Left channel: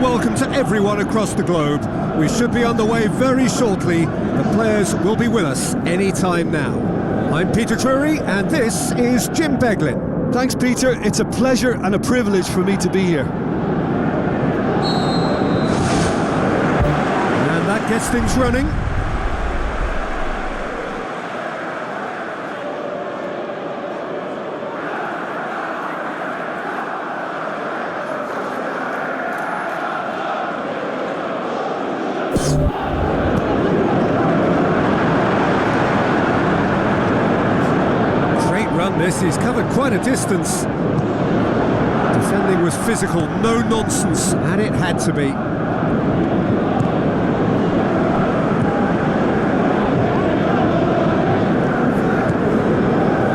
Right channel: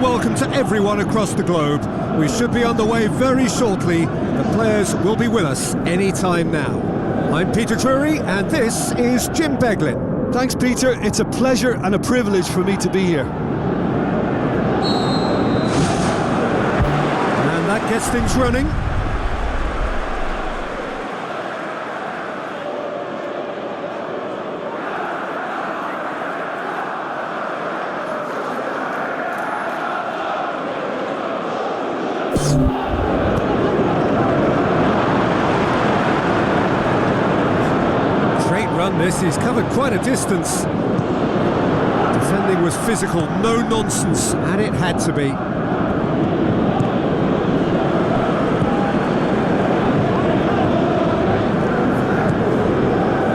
Welcome to everyone across the globe. We should be on the way very shortly. The players will be with us any time now. I'm Peter Drury and this is Jim Beglin. Thanks, Peter. It's a pleasure and a privilege for me to be here. And that gets things running. This, he's covered quite a distance. Defending was physical, no nonsense, and it had to be.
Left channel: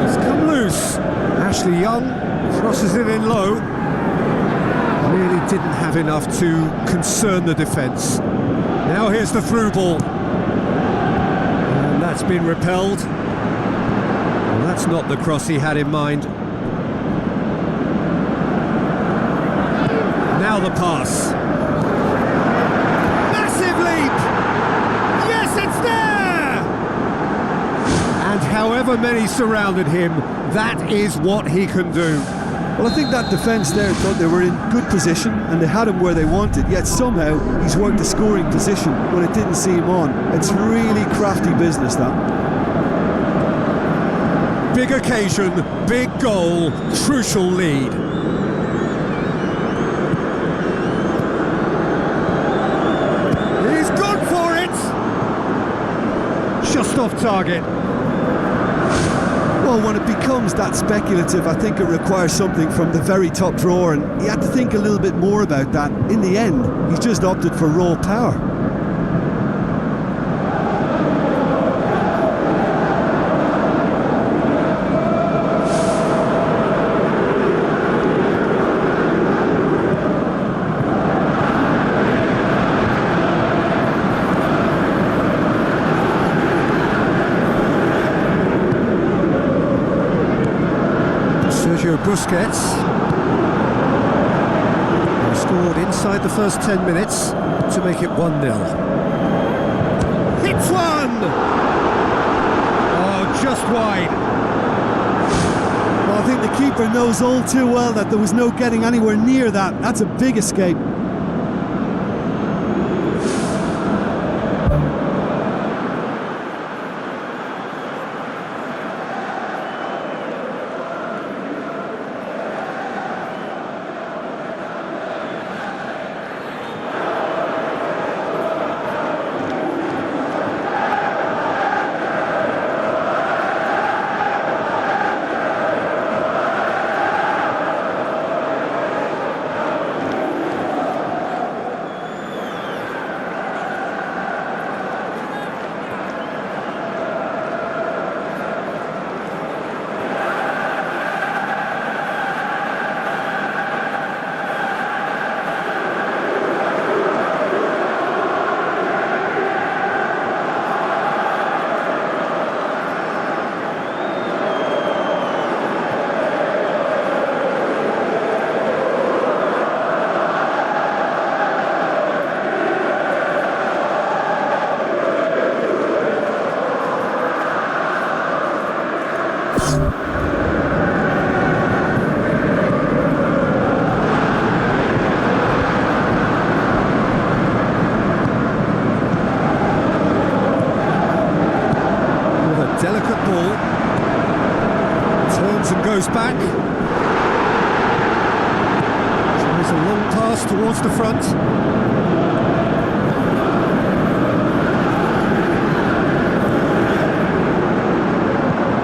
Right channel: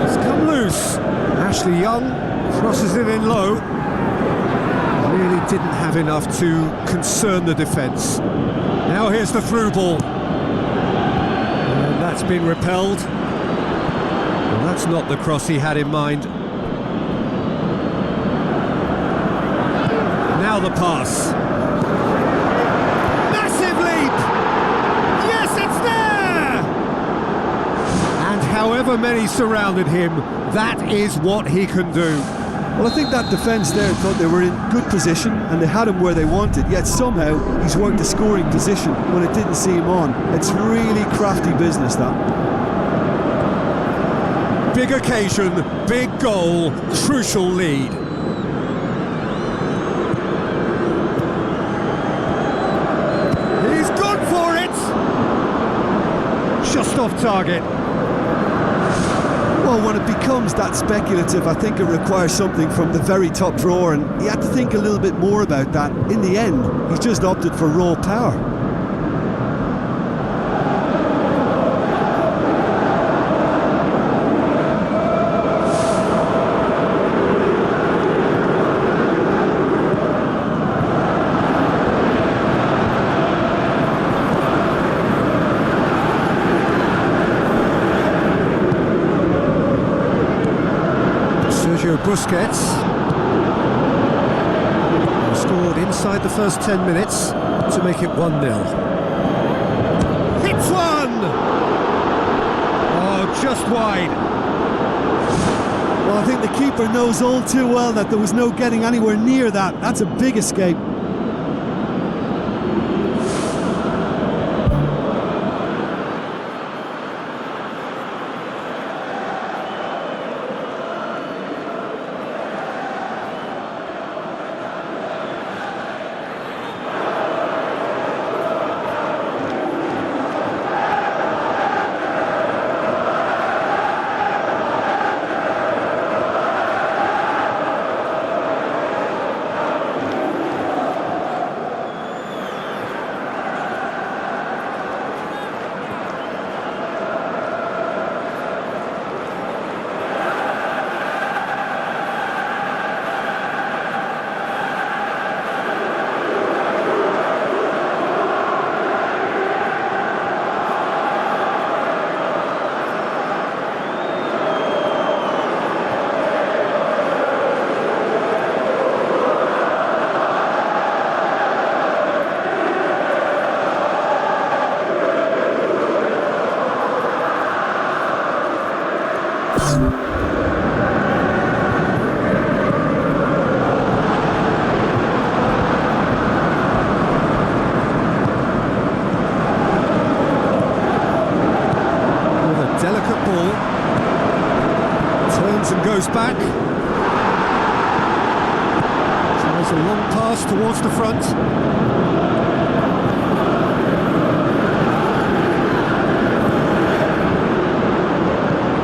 It's come loose. Ashley Young crosses it in low. Really didn't have enough to concern the defence. Now here's the through ball. And that's been repelled. Well, that's not the cross he had in mind. Now the pass. Massive leap! Yes, it's there! And however many surrounded him, that is what he can do. Well, I think that defence there thought they were in good position and they had him where they wanted, yet somehow he's worked a scoring position when it didn't see him on. It's really crafty business, that. Big occasion, big goal, crucial lead. He's gone for it! Just off target. Well, when it becomes that speculative, I think it requires something from the very top drawer, and he had to think a little bit more about that. In the end, he's just opted for raw power. Busquets scored inside the first 10 minutes to make it 1-0. Hits one! Oh, just wide. Well, I think the keeper knows all too well that there was no getting anywhere near that. That's a big escape. turns and goes back. Tries a long pass towards the front.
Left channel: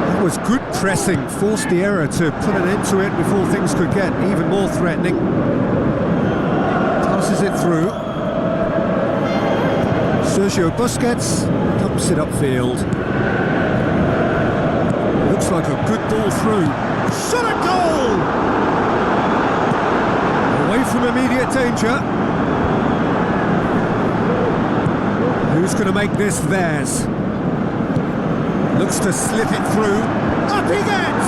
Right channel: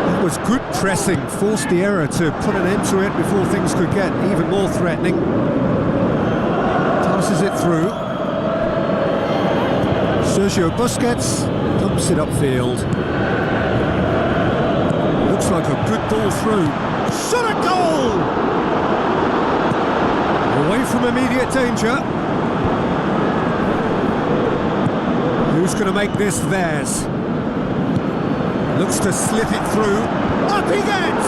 That was good pressing, forced the error to put an end to it before things could get even more threatening. Passes it through. Sergio Busquets dumps it upfield. Looks like a good ball through. Shot at goal! Away from immediate danger. Who's going to make this theirs? Looks to slip it through. Up he gets!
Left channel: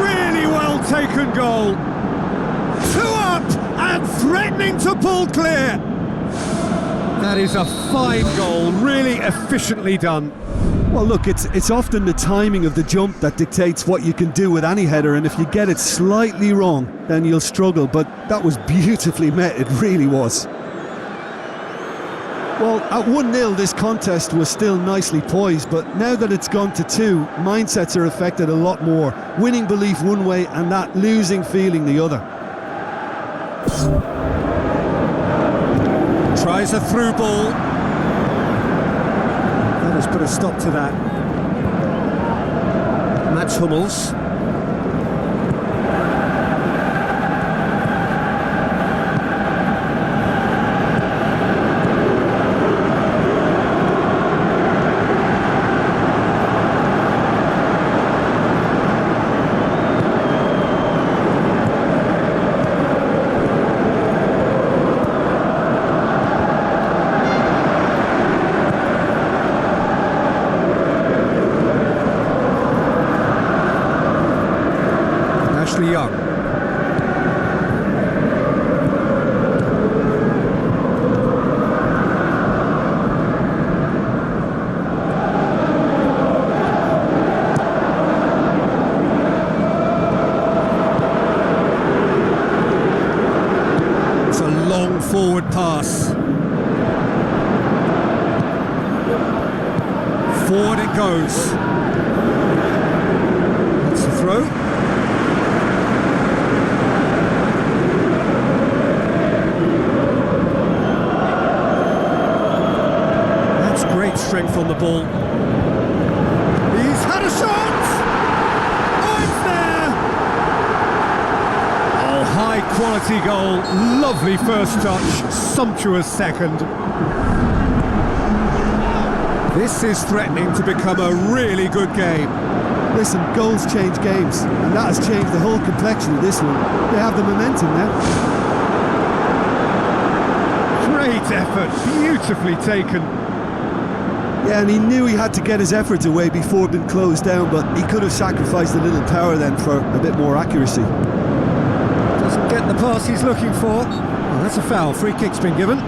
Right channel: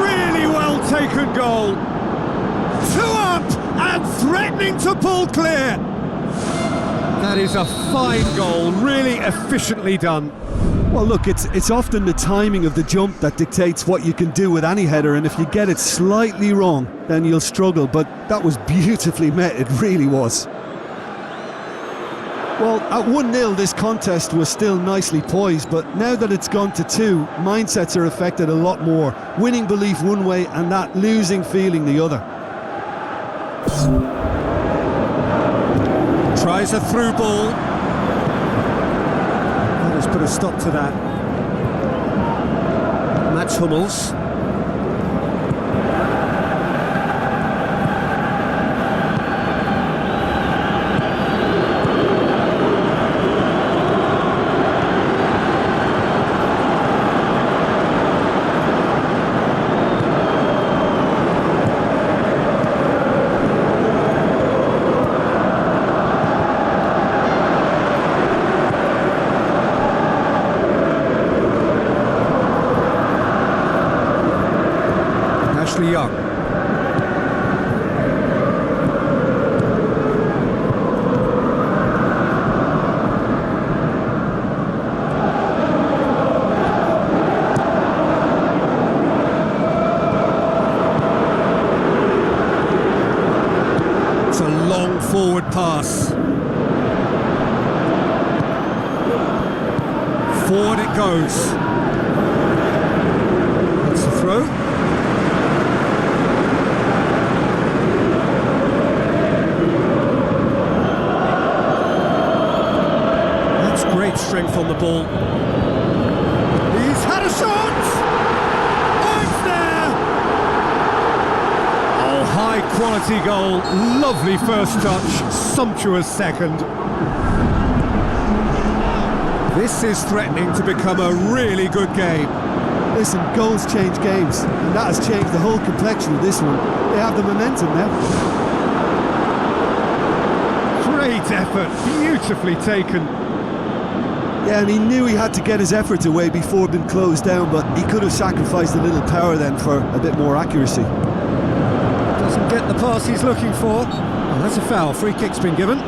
Really well taken goal. 2 up and threatening to pull clear. That is a fine goal, really efficiently done. Well, look, it's often the timing of the jump that dictates what you can do with any header, and if you get it slightly wrong, then you'll struggle, but that was beautifully met, it really was. Well, at 1-0 this contest was still nicely poised, but now that it's gone to 2, mindsets are affected a lot more. Winning belief one way and that losing feeling the other. Tries a through ball. That has put a stop to that. Mats Hummels. Ashley Young. It's a long forward pass. Forward it goes. That's the throw. Great strength on the ball. He's had a shot! Oh, it's there! Oh, high quality goal. Lovely first touch, sumptuous second. This is threatening to become a really good game. Listen, goals change games, and that has changed the whole complexion of this one. They have the momentum now. Great effort, beautifully taken. Yeah, and he knew he had to get his efforts away before being closed down, but he could have sacrificed a little power then for a bit more accuracy. Doesn't get the pass he's looking for. Oh, that's a foul. Free kick's been given.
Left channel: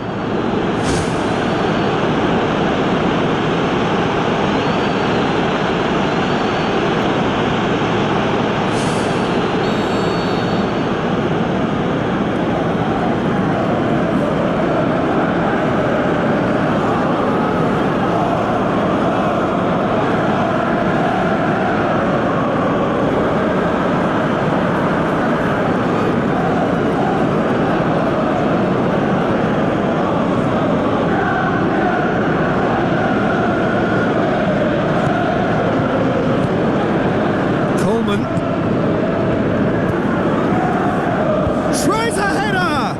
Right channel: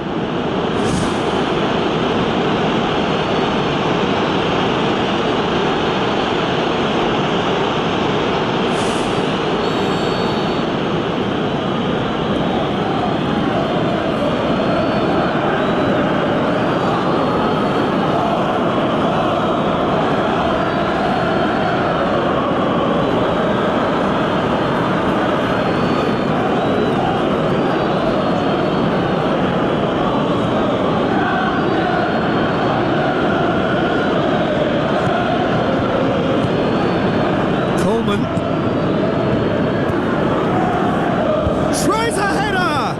Tries a header!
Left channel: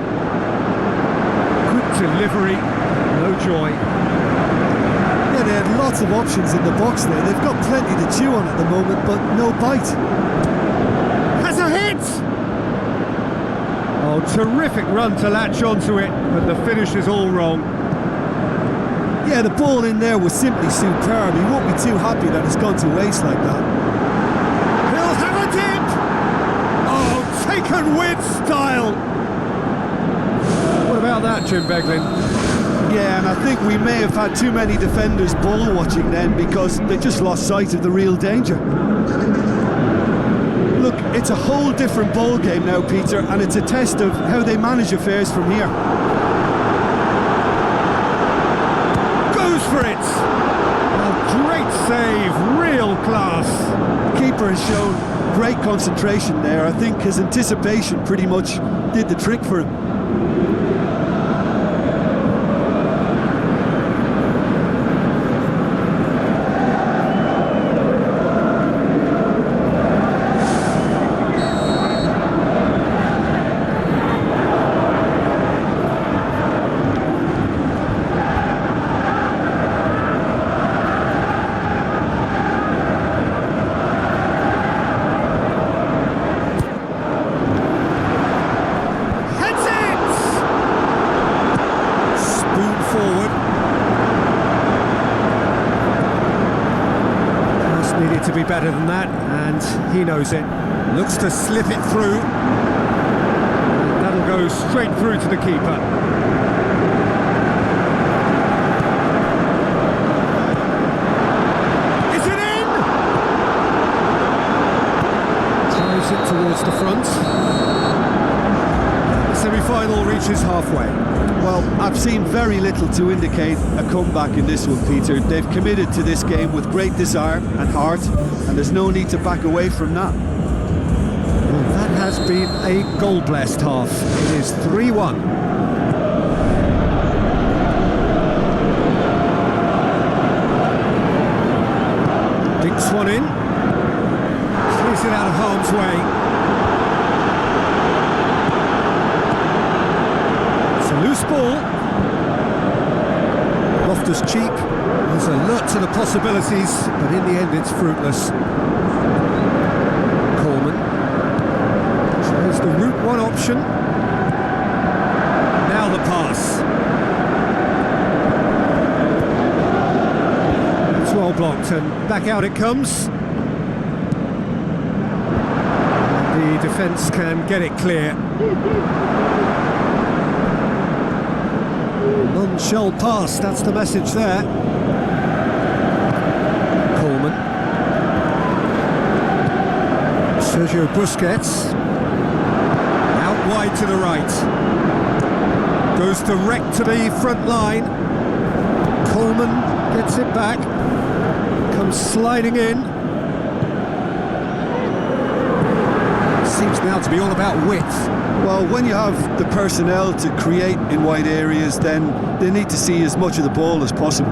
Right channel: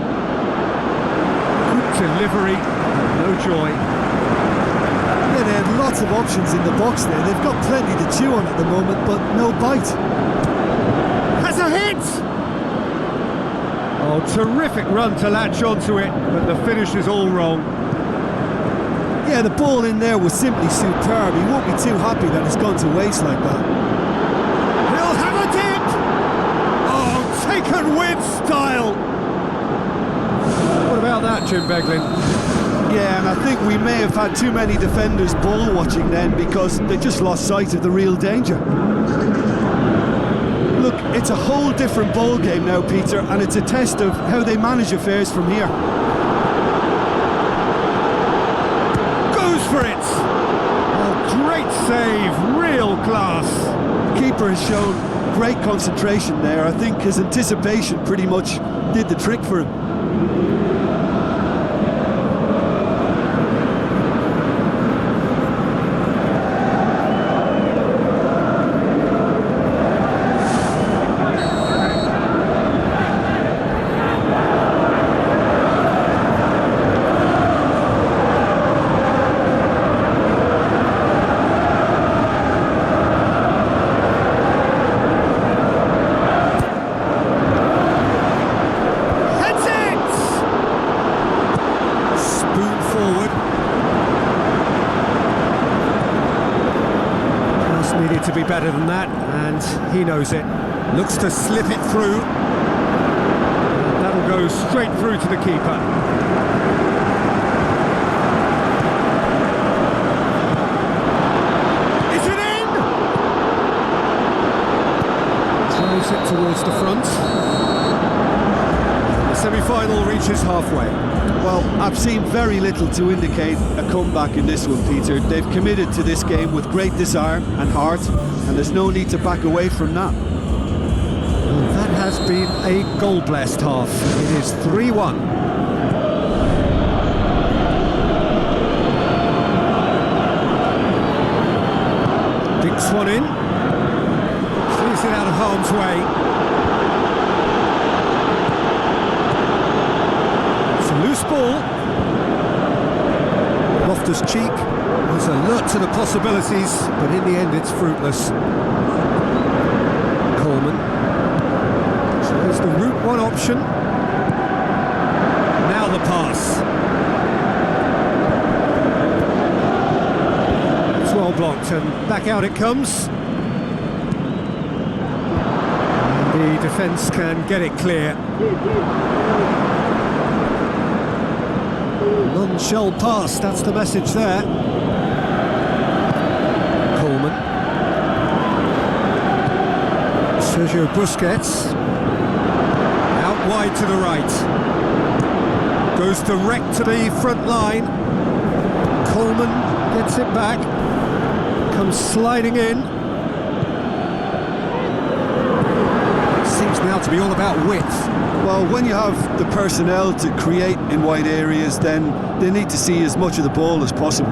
Good delivery, no joy. Yeah, they had lots of options in the box there. They've got plenty to chew on at the moment, but no bite. Has a hit! Oh, terrific run to latch onto it, but the finish is all wrong. Yeah, the ball in there was simply superb. He won't be too happy that it's gone to waste like that. He'll have a dip! Oh, taken with style! What about that, Jim Beglin? Yeah, and I think we may have had too many defenders ball watching then because they just lost sight of the real danger. Look, it's a whole different ball game now, Peter, and it's a test of how they manage affairs from here. Goes for it! Oh, great save, real class. The keeper has shown great concentration there. I think his anticipation pretty much did the trick for him. Forward. Pass needed to be better than that, and he knows it. Looks to slip it through. And that'll go straight through to the keeper. Is it in? Tries it towards the front. And the semi-final reaches halfway. Well, I've seen very little to indicate a comeback in this one, Peter. They've committed to this game with great desire and heart, and there's no need to back away from that. Well, that has been a goal-blessed half. It is 3-1. Dinks one in. Clears it out of harm's way. Loose ball. Loftus-Cheek was alert to the possibilities, but in the end it's fruitless. Coleman shows the route one option. Now the pass. It's well blocked and back out it comes. And the defence can get it clear. None shall pass, that's the message there. Coleman. Sergio Busquets. Out wide to the right. Goes direct to the front line. Coleman gets it back. Comes sliding in. Seems now to be all about width. Well, when you have the personnel to create in wide areas, then they need to see as much of the ball as possible.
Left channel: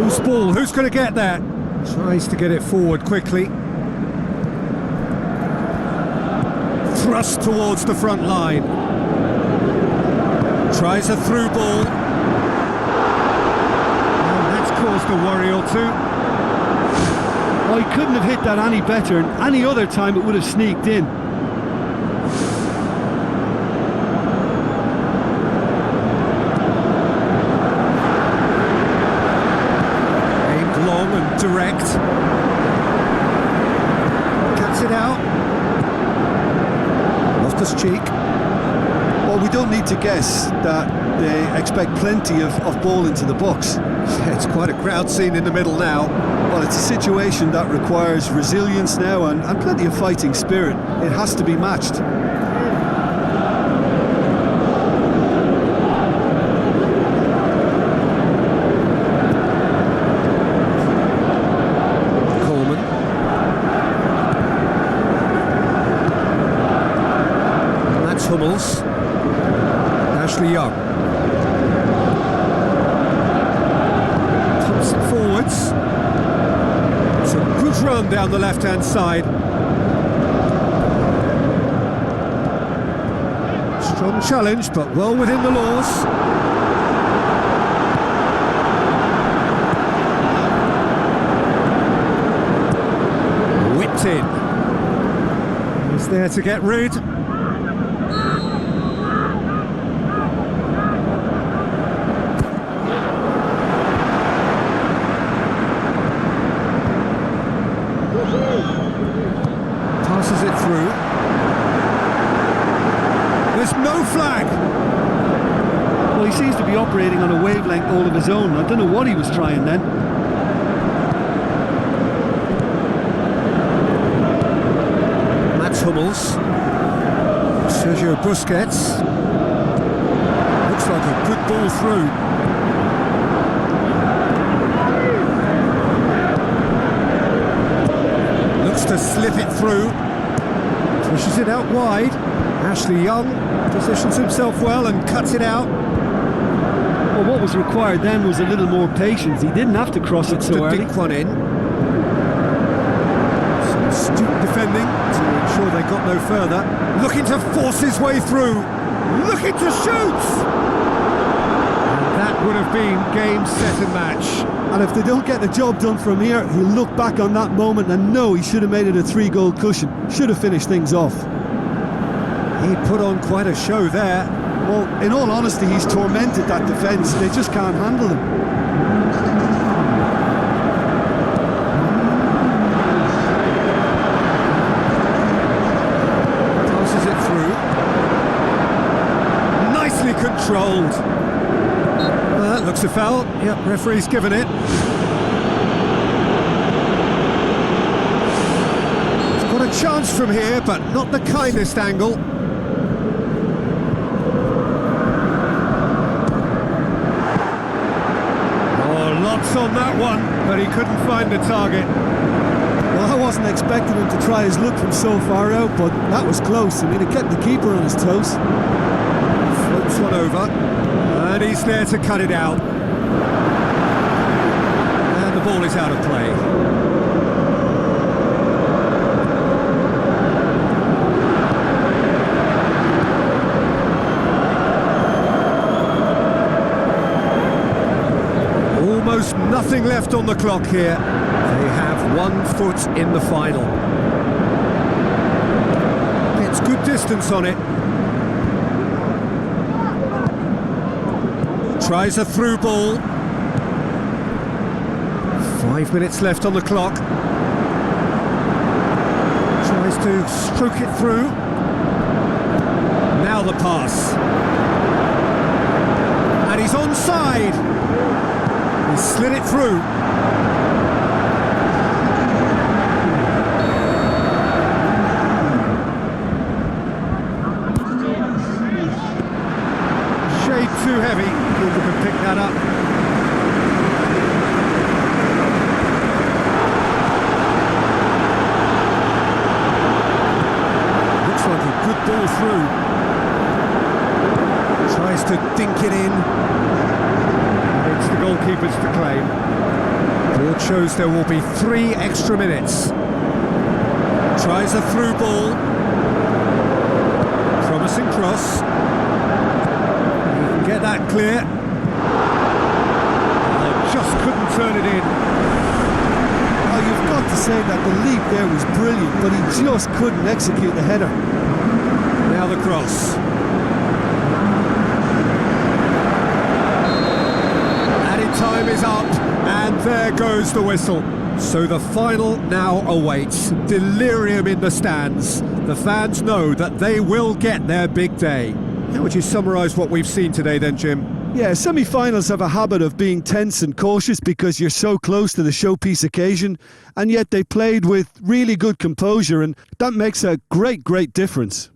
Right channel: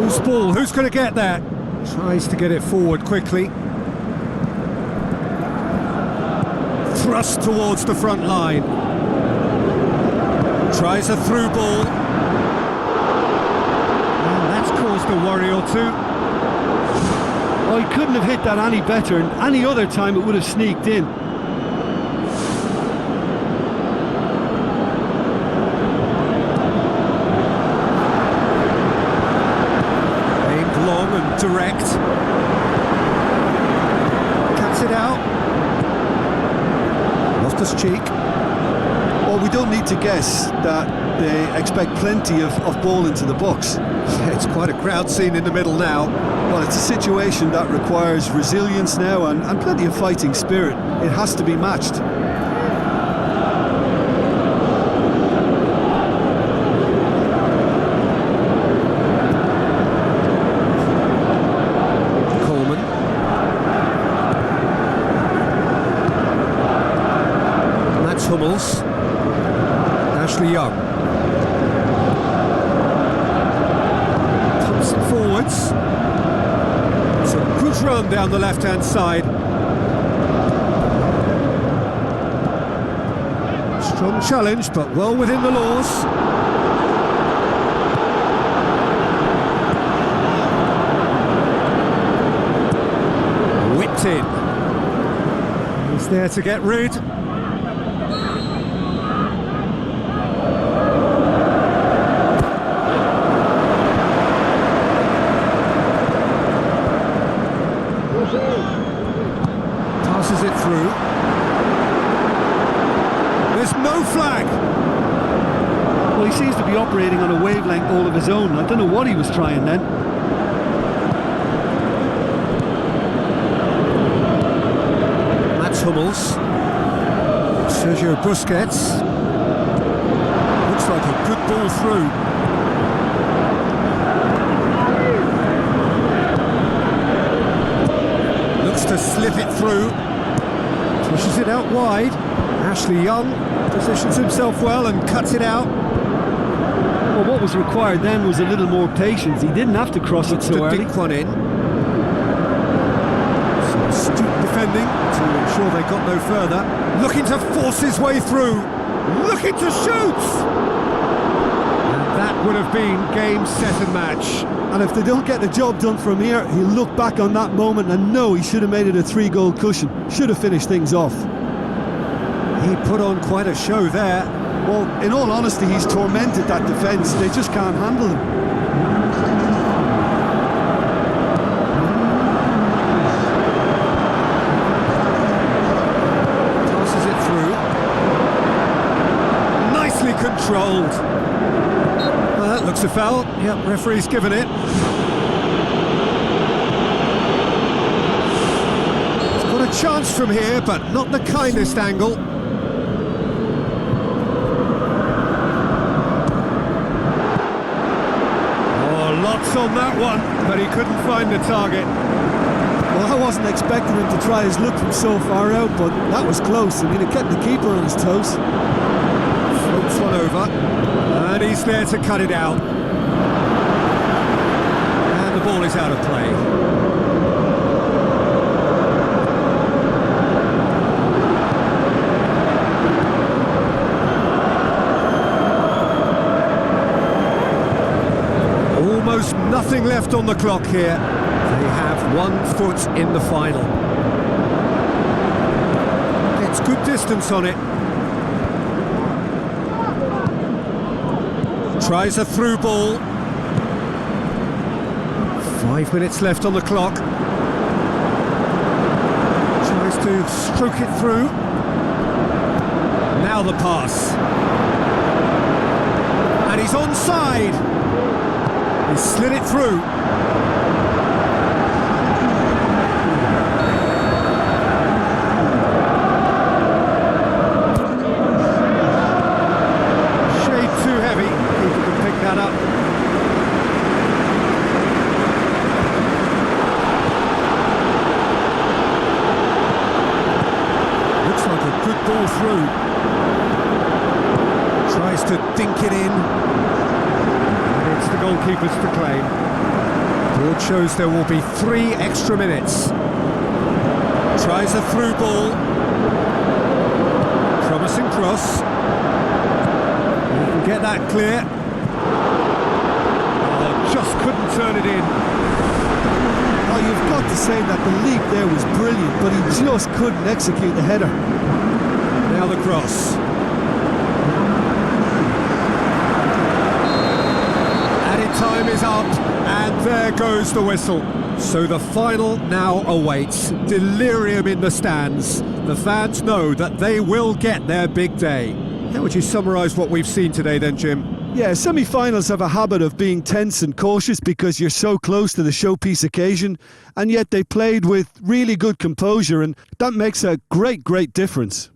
Loose ball, who's going to get that? Tries to get it forward quickly. Thrust towards the front line. Tries a through ball. And that's caused a worry or two. Oh, he couldn't have hit that any better, and any other time it would have sneaked in. Aimed long and direct. Cuts it out. Loftus-Cheek. Well, we don't need to guess that they expect plenty of ball into the box. Yeah, it's quite a crowd scene in the middle now. Well, it's a situation that requires resilience now and plenty of fighting spirit. It has to be matched. Coleman. That's Hummels. Ashley Young. Thompson forwards. It's a good run down the left-hand side. Strong challenge, but well within the laws. Whipped in. He's there to get rid. Passes it through. There's no flag. Well, he seems to be operating on a wavelength all of his own. I don't know what he was trying then. That's Hummels. Sergio Busquets. Looks like a good ball through. looks to slip it through, pushes it out wide. Ashley Young positions himself well and cuts it out. Well, what was required then was a little more patience. He didn't have to cross it so early. Dink one in. Some astute defending to ensure they got no further. Looking to force his way through. Looking to shoot! And that would have been game, set and match. And if they don't get the job done from here, he'll look back on that moment and know he should have made it a 3-goal cushion. Should have finished things off. He put on quite a show there. Well, in all honesty, he's tormented that defence. They just can't handle him. Passes it through. Nicely controlled. That looks a foul. Yep, referee's given it. He's got a chance from here, but not the kindest angle. Oh, lots on that one, but he couldn't find the target. Well, I wasn't expecting him to try his luck from so far out, but that was close. I mean, it kept the keeper on his toes. Floats one over. And he's there to cut it out. And the ball is out of play. Almost nothing left on the clock here. They have 1 foot in the final. Gets good distance on it. Tries a through ball. 5 minutes left on the clock. Tries to stroke it through. Now the pass. And he's onside. He slid it through. Too heavy, keeper can pick that up. Looks like a good ball through. Tries to dink it in. And it's the goalkeeper's to claim. Board shows there will be 3 extra minutes. Tries a through ball. Promising cross. Get that clear. Oh, just couldn't turn it in. Oh, you've got to say that the leap there was brilliant, but he just couldn't execute the header. Now the cross. Added time is up, and there goes the whistle. So the final now awaits. Delirium in the stands. The fans know that they will get their big day. How would you summarise what we've seen today then, Jim? Yeah, semi-finals have a habit of being tense and cautious because you're so close to the showpiece occasion, and yet they played with really good composure, and that makes a great, great difference.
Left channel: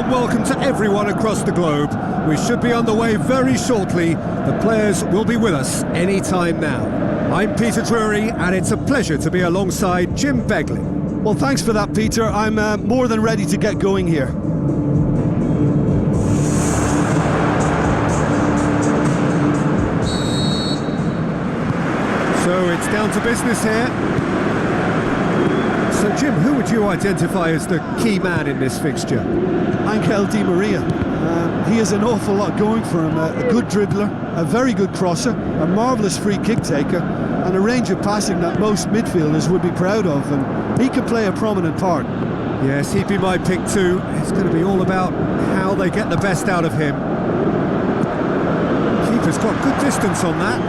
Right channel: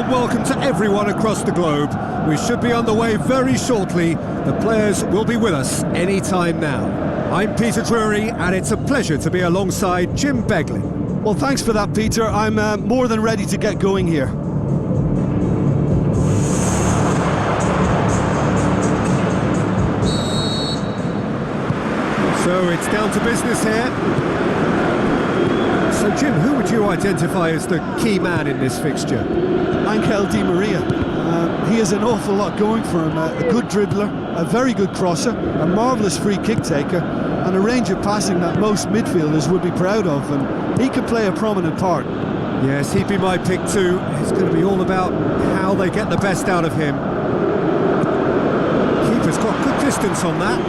warm welcome to everyone across the globe. We should be on the way very shortly. The players will be with us any time now. I'm Peter Drury, and it's a pleasure to be alongside Jim Beglin. Well, thanks for that, Peter. I'm more than ready to get going here. So it's down to business here. So, Jim, who would you identify as the key man in this fixture? Angel Di Maria. He has an awful lot going for him. A good dribbler, a very good crosser, a marvellous free kick taker, and a range of passing that most midfielders would be proud of, and he could play a prominent part. Yes, he'd be my pick too. It's going to be all about how they get the best out of him. Keeper's got good distance on that.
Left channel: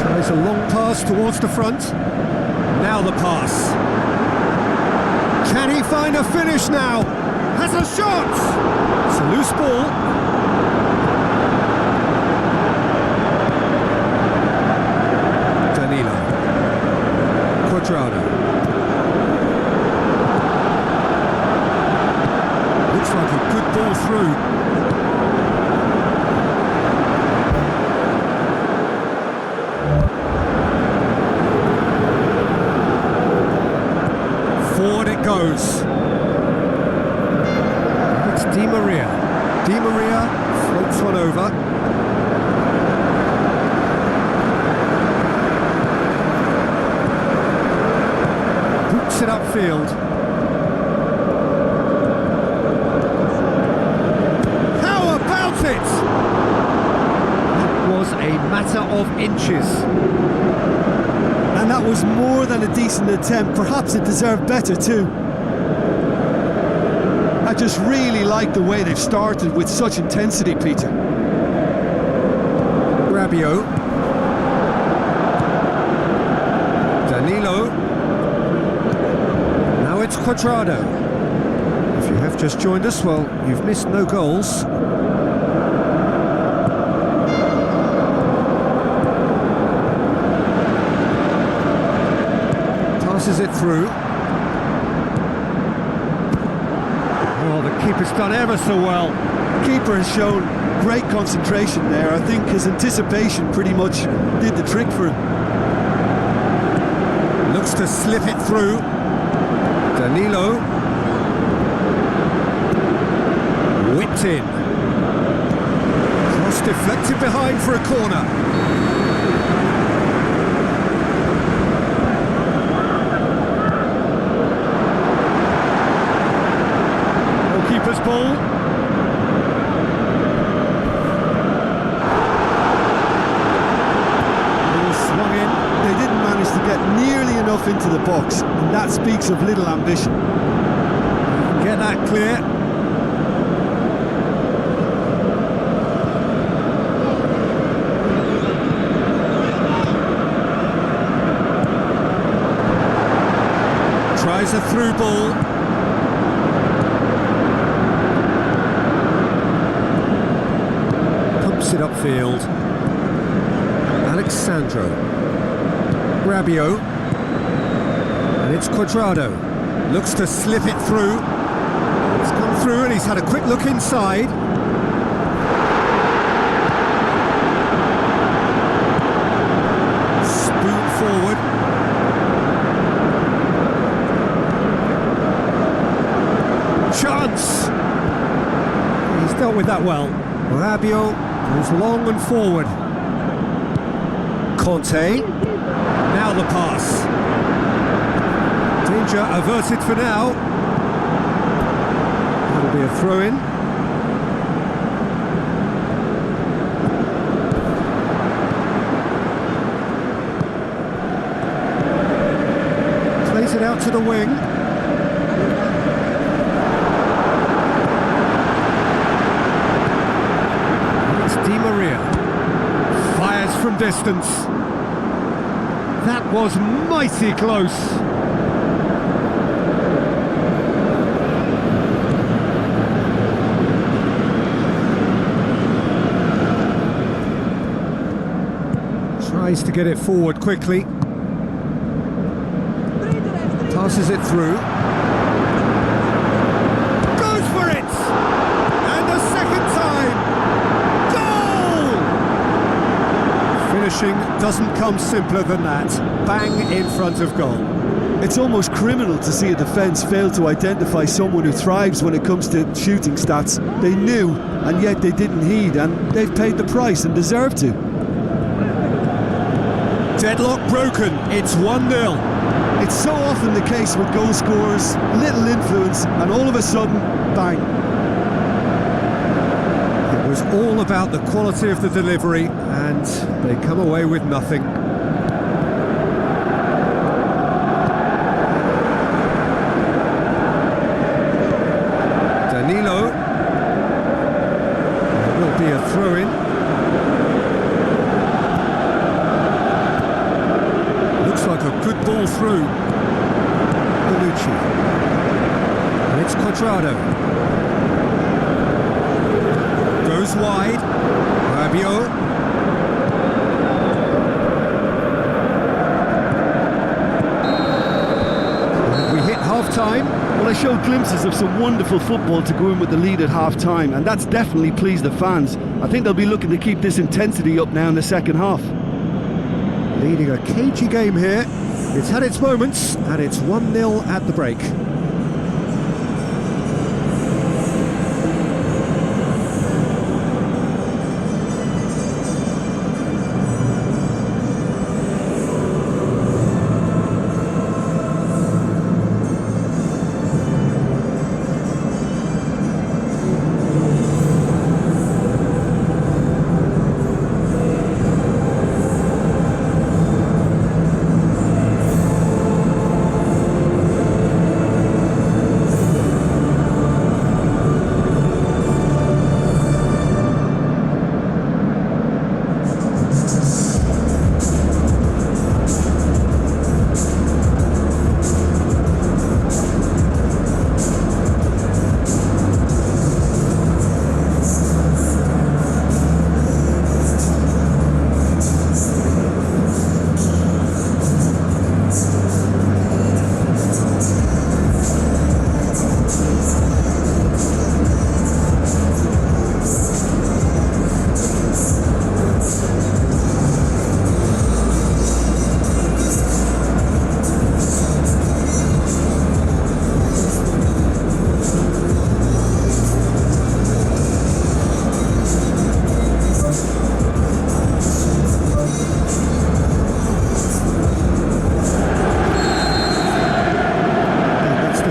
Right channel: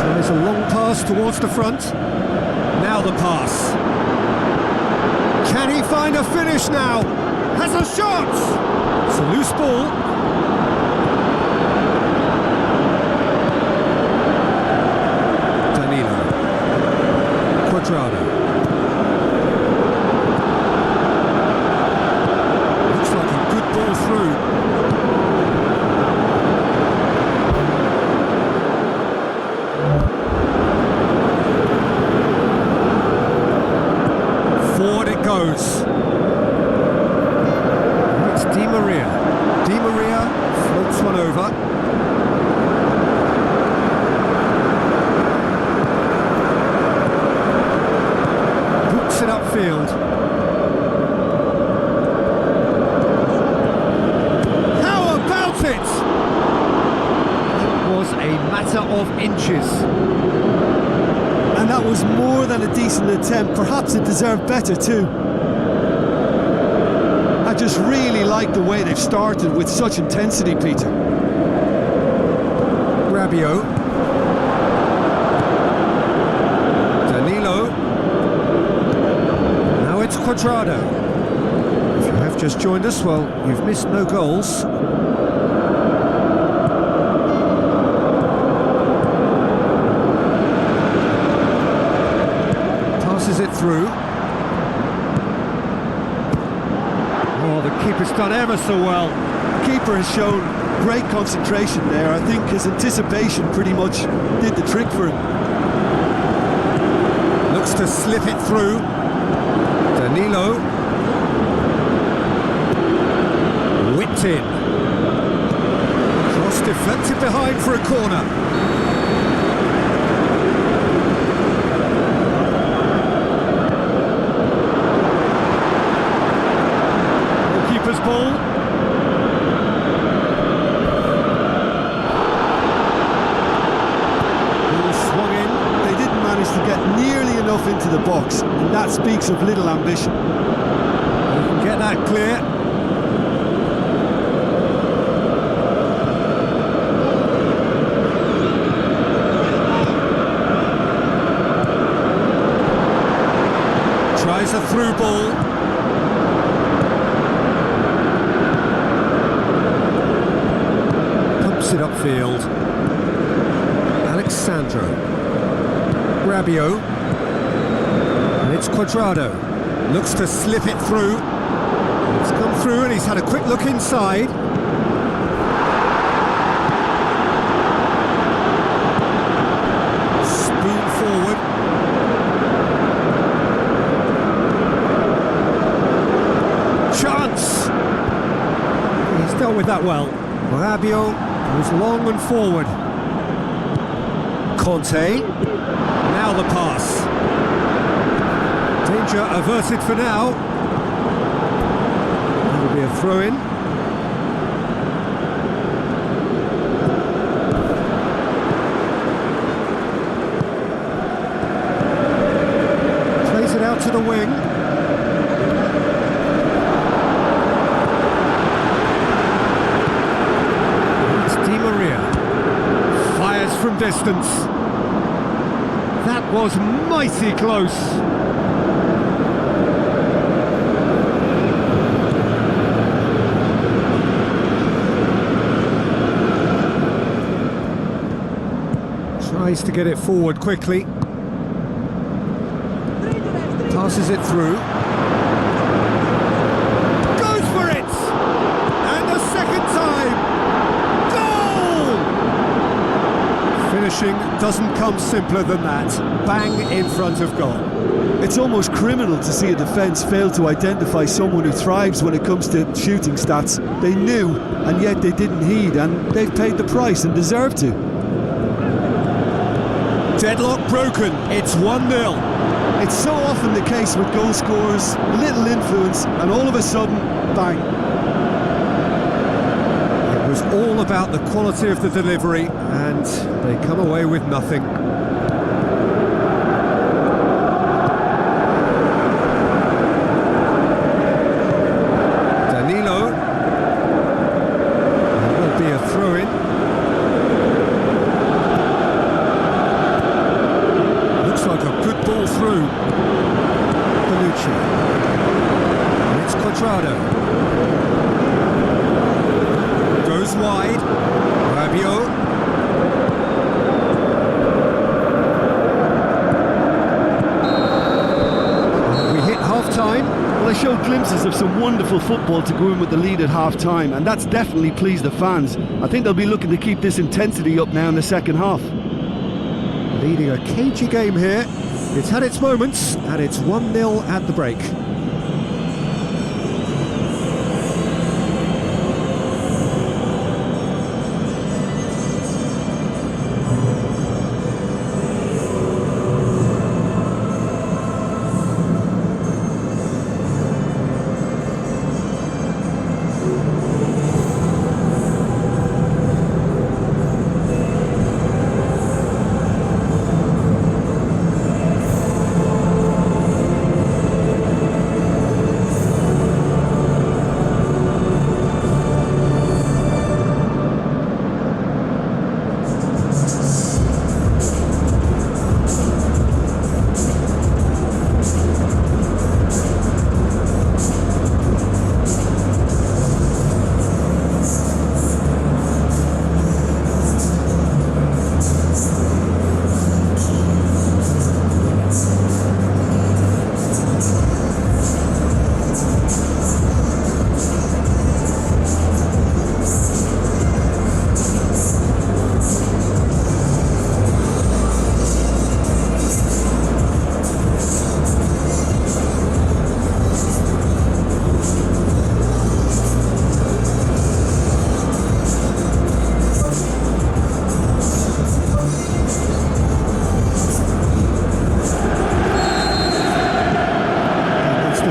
Tries a long pass towards the front. Now the pass. Can he find a finish now? Has a shot! It's a loose ball. Danilo. Quadrado. Looks like a good ball through. Forward it goes. And it's Di Maria. Di Maria floats one over. Boots it upfield. How about it? That was a matter of inches. And that was more than a decent attempt. Perhaps it deserved better too. I just really like the way they've started with such intensity, Peter. Rabiot. Danilo. Now it's Quadrado. If you have just joined us, well, you've missed no goals. Passes it through. Oh, the keeper's done ever so well. Keeper has shown great concentration there. I think his anticipation pretty much did the trick for him. Looks to slip it through. Danilo. Whipped in. Cross deflected behind for a corner. Keeper's ball. Ball swung in. They didn't manage to get nearly enough into the box, and that speaks of little ambition. You can get that clear. Tries a through ball. Pumps it upfield. Alexandro. Rabiot. And it's Quadrado. Looks to slip it through. It's come through and he's had a quick look inside. Spoon forward. Chance! He's dealt with that well. Rabiot goes long and forward. Conte. Now the pass. Danger averted for now. That'll be a throw-in. Plays it out to the wing. Di Maria fires from distance. That was mighty close. Tries to get it forward quickly. Passes it through. Goes for it! And a second time! Goal! Finishing doesn't come simpler than that. Bang in front of goal. It's almost criminal to see a defence fail to identify someone who thrives when it comes to shooting stats. They knew, and yet they didn't heed, and they've paid the price and deserve to. Deadlock broken. It's 1-0. It's so often the case with goal scorers, little influence, and all of a sudden, bang. It was all about the quality of the delivery, and they come away with nothing. Danilo. There will be a throw-in. Looks like a good ball through. Bonucci. And it's Cuadrado. Goes wide. Rabiot. And we hit half-time. Well, they showed glimpses of some wonderful football to go in with the lead at half-time, and that's definitely pleased the fans. I think they'll be looking to keep this intensity up now in the second half. Leading a cagey game here. It's had its moments, and it's 1-0 at the break.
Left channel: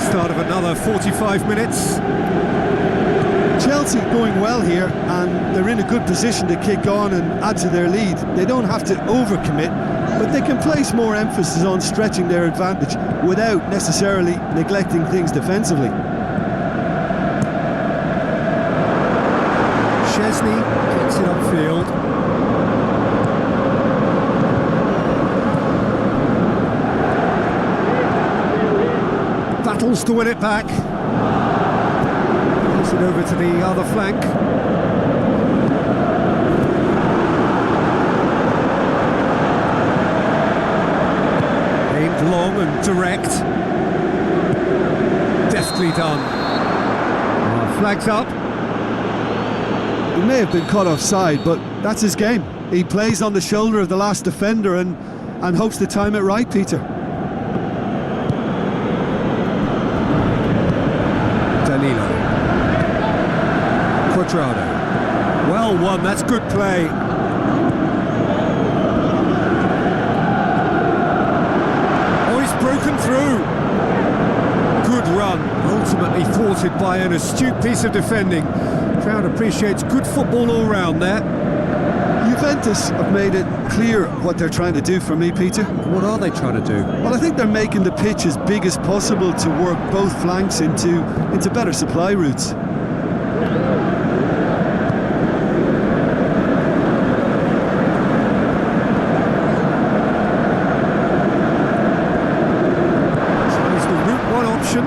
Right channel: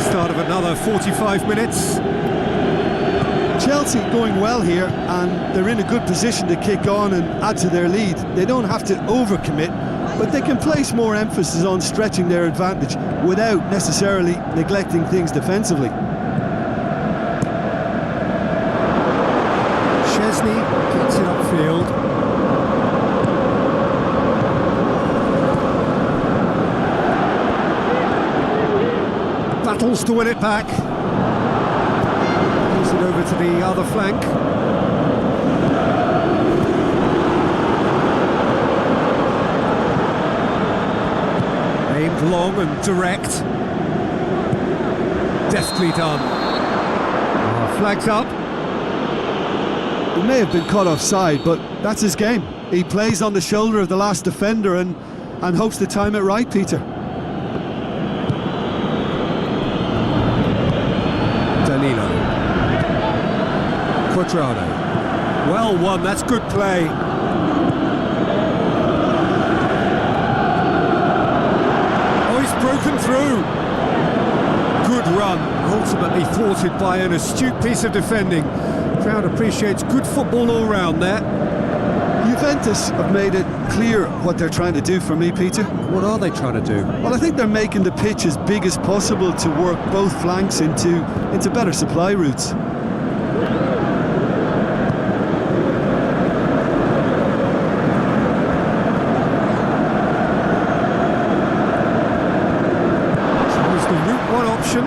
Start of another 45 minutes. Chelsea going well here, and they're in a good position to kick on and add to their lead. They don't have to overcommit, but they can place more emphasis on stretching their advantage without necessarily neglecting things defensively. Chesney gets it upfield. Battles to win it back. Moves it over to the other flank. Aimed long and direct. Deftly done. Flags up. He may have been caught offside, but that's his game. He plays on the shoulder of the last defender and hopes to time it right, Peter. Danilo. Cuadrado. Well won, that's good play. Oh, he's broken through. Good run, ultimately thwarted by an astute piece of defending. Crowd appreciates good football all round there. Juventus have made it clear what they're trying to do for me, Peter. What are they trying to do? Well, I think they're making the pitch as big as possible to work both flanks into better supply routes. So here's the route one option.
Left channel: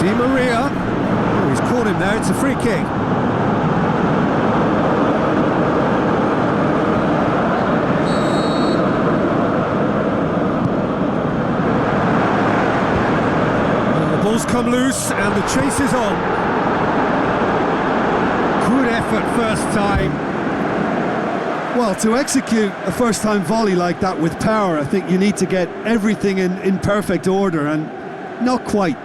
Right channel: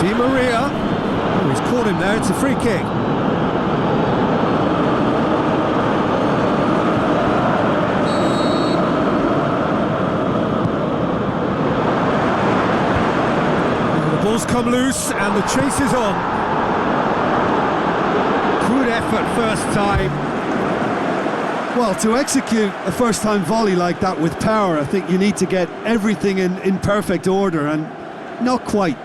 Di Maria. Oh, he's caught him there, it's a free kick. ball's come loose and the chase is on. Good effort first time. Well, to execute a first-time volley like that with power, I think you need to get everything in perfect order, and not quite.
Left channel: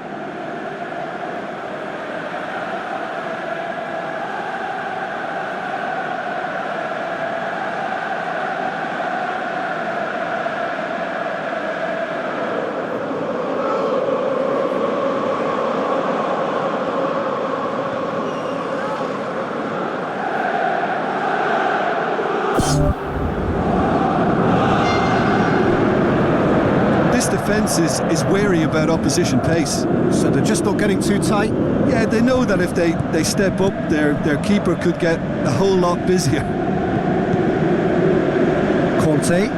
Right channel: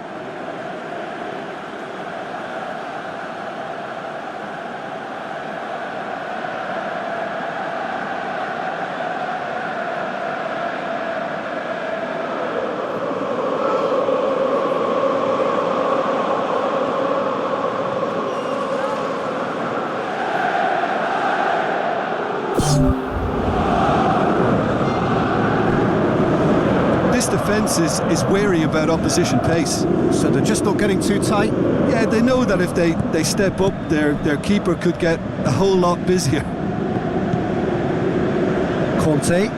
This defence is wary about opposition pace. So they're just not getting too tight? Yeah, they know that if they step up, their keeper could get a whole lot busier. Conte.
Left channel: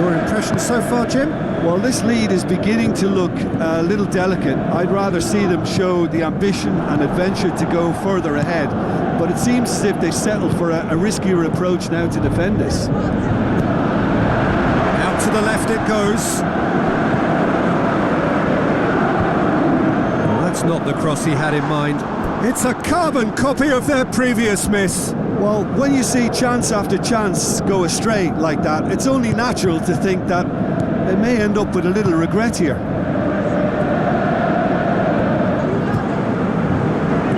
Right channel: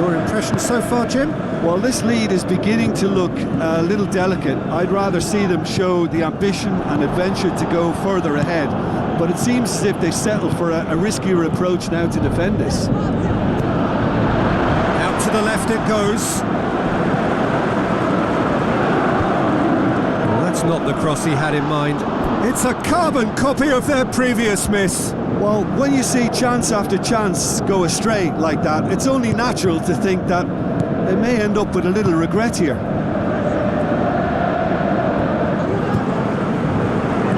Your impression so far, Jim? Well, this lead is beginning to look a little delicate. I'd rather see them show the ambition and adventure to go further ahead. But it seems as if they settled for a riskier approach now to defend this. Out to the left it goes. Well, that's not the cross he had in mind. It's a carbon copy of their previous miss. Well, when you see chance after chance go astray like that, it's only natural to think that they may end up with a little regret here.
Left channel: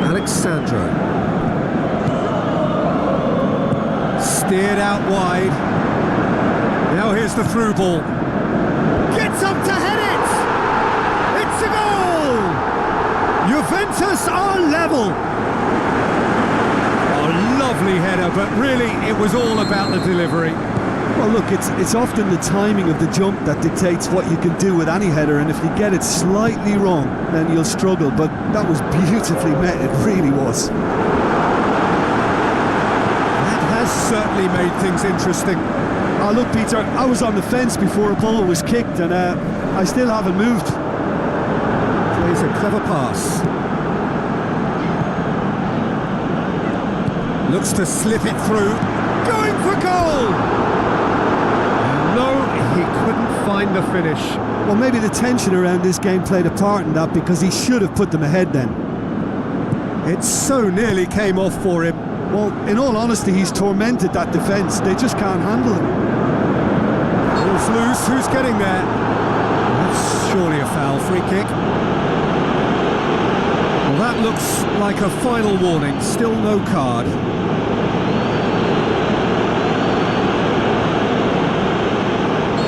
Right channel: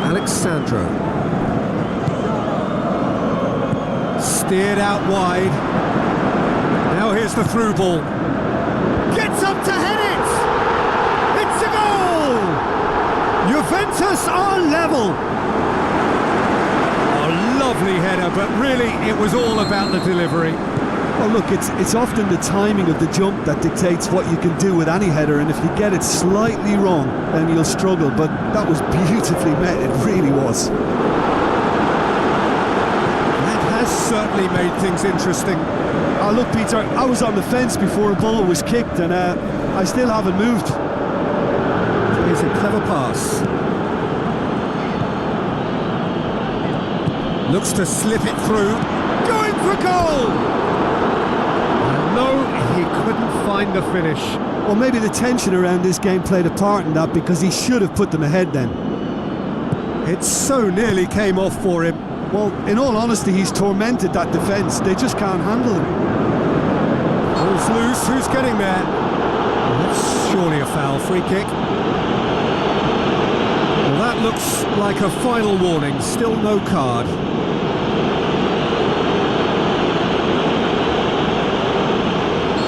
Alexandro. Steered out wide. Now here's the through ball. Gets up to head it! It's a goal! Juventus are level. A lovely header, but really it was all about the delivery. Well, look, it's often the timing of the jump that dictates what you can do with any header, and if you get it slightly wrong, then you'll struggle. But that was beautifully met, it really was. That has certainly made things interesting. Oh, look, Peter, I was on the fence before a ball was kicked, and I still haven't moved. Plays a clever pass. Looks to slip it through. Going for goal! And no, he couldn't find the finish. Well, maybe the tension around this game played a part in that, because he should have put them ahead then. It so nearly came off for him. Well, in all honesty, he's tormented that defence. They just can't handle him. Ball's loose, who's getting there? That's surely a foul, free kick. Well, that looks like a final warning, still no card.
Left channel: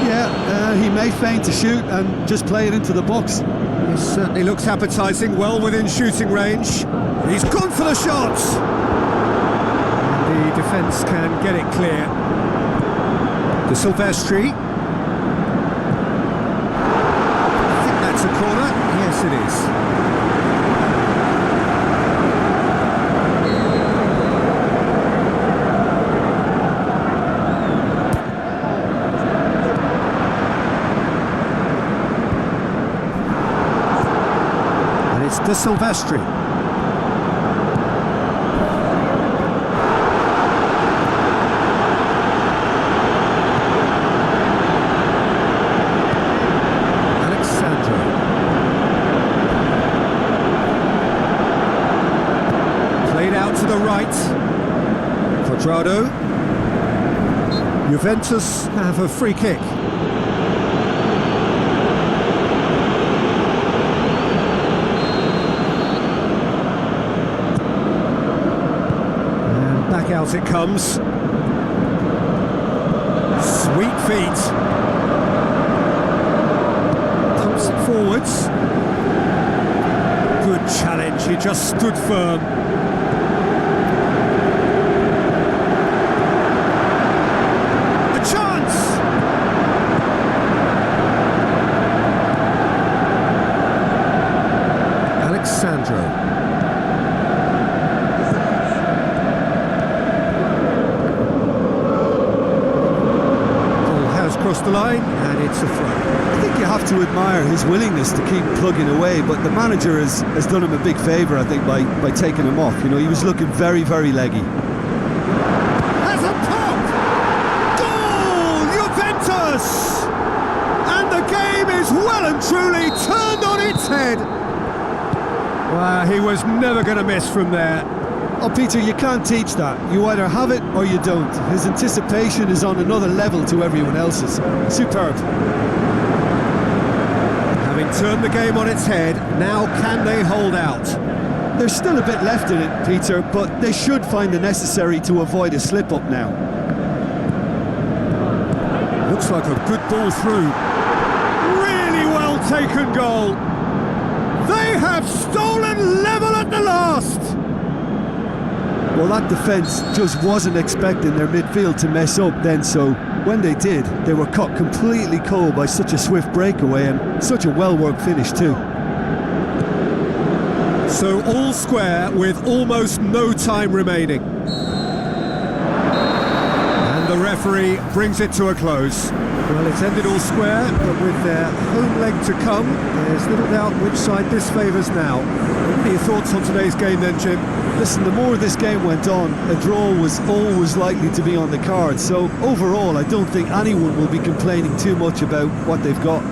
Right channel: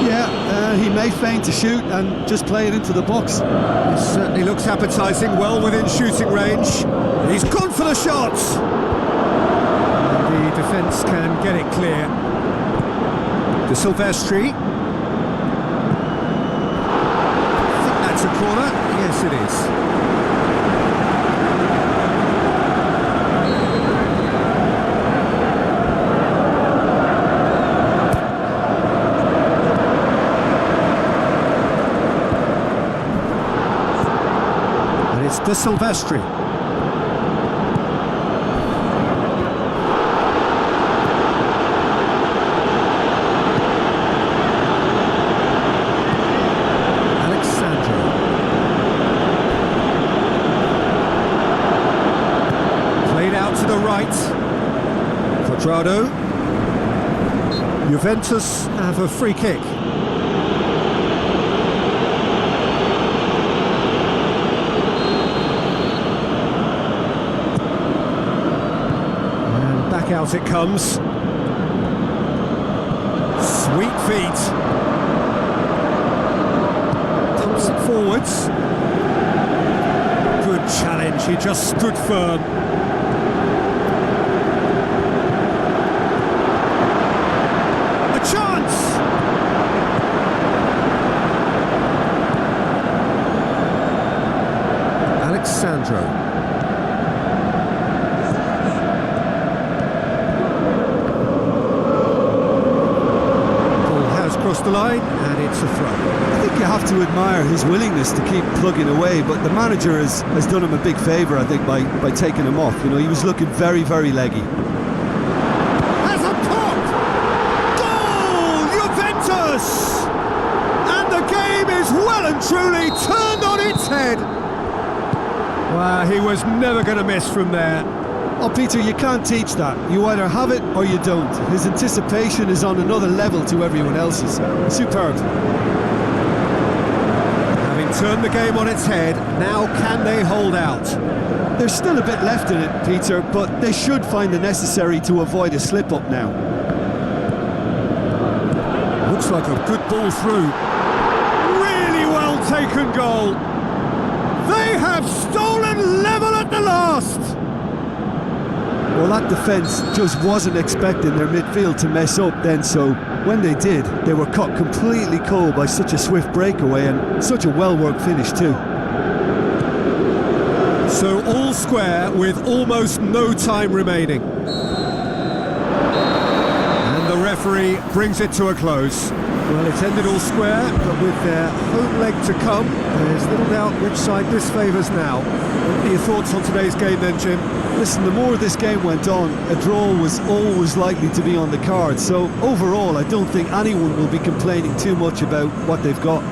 Yeah, he may feign to shoot and just play it into the box. He certainly looks appetising, well within shooting range. He's gone for the shot! The defence can get it clear. De Silvestri. I think that's a corner. Yes, it is. And it's De Silvestri. Played out to the right. Quadrado. Juventus have a free kick. And back out it comes. Sweet feet. Pumps it forwards. Good challenge, he just stood firm. A chance! Alexandro. Ball has crossed the line and it's a throw. I think you have to admire his willingness to keep plugging away, but the manager has done him a big favour, I think, by taking him off. You know, he was looking very, very leggy. Has a pop! Goal! Juventus! And the game is well and truly turned on its ahead. Wow, he was never going to miss from there. Oh, Peter, you can't teach that. You either have it or you don't. His anticipation is on another level to everyone else's. Superb. Having turned the game on its head, now can they hold out? There's still a bit left in it, Peter, but they should find the necessary to avoid a slip-up now. Looks like a good ball through. Really well taken goal. They have stolen level at the last. Well, that defence just wasn't expecting their midfield to mess up then, so when they did, they were caught completely cold by such a swift breakaway and such a well-worked finish too. So all square with almost no time remaining. And the referee brings it to a close. Well, it's ended all square, but with their home leg to come, there's little doubt which side this favours now. What are your thoughts on today's game then, Jim? Listen, the more this game went on, a draw was always likely to be on the card, so overall I don't think anyone will be complaining too much about what they've got.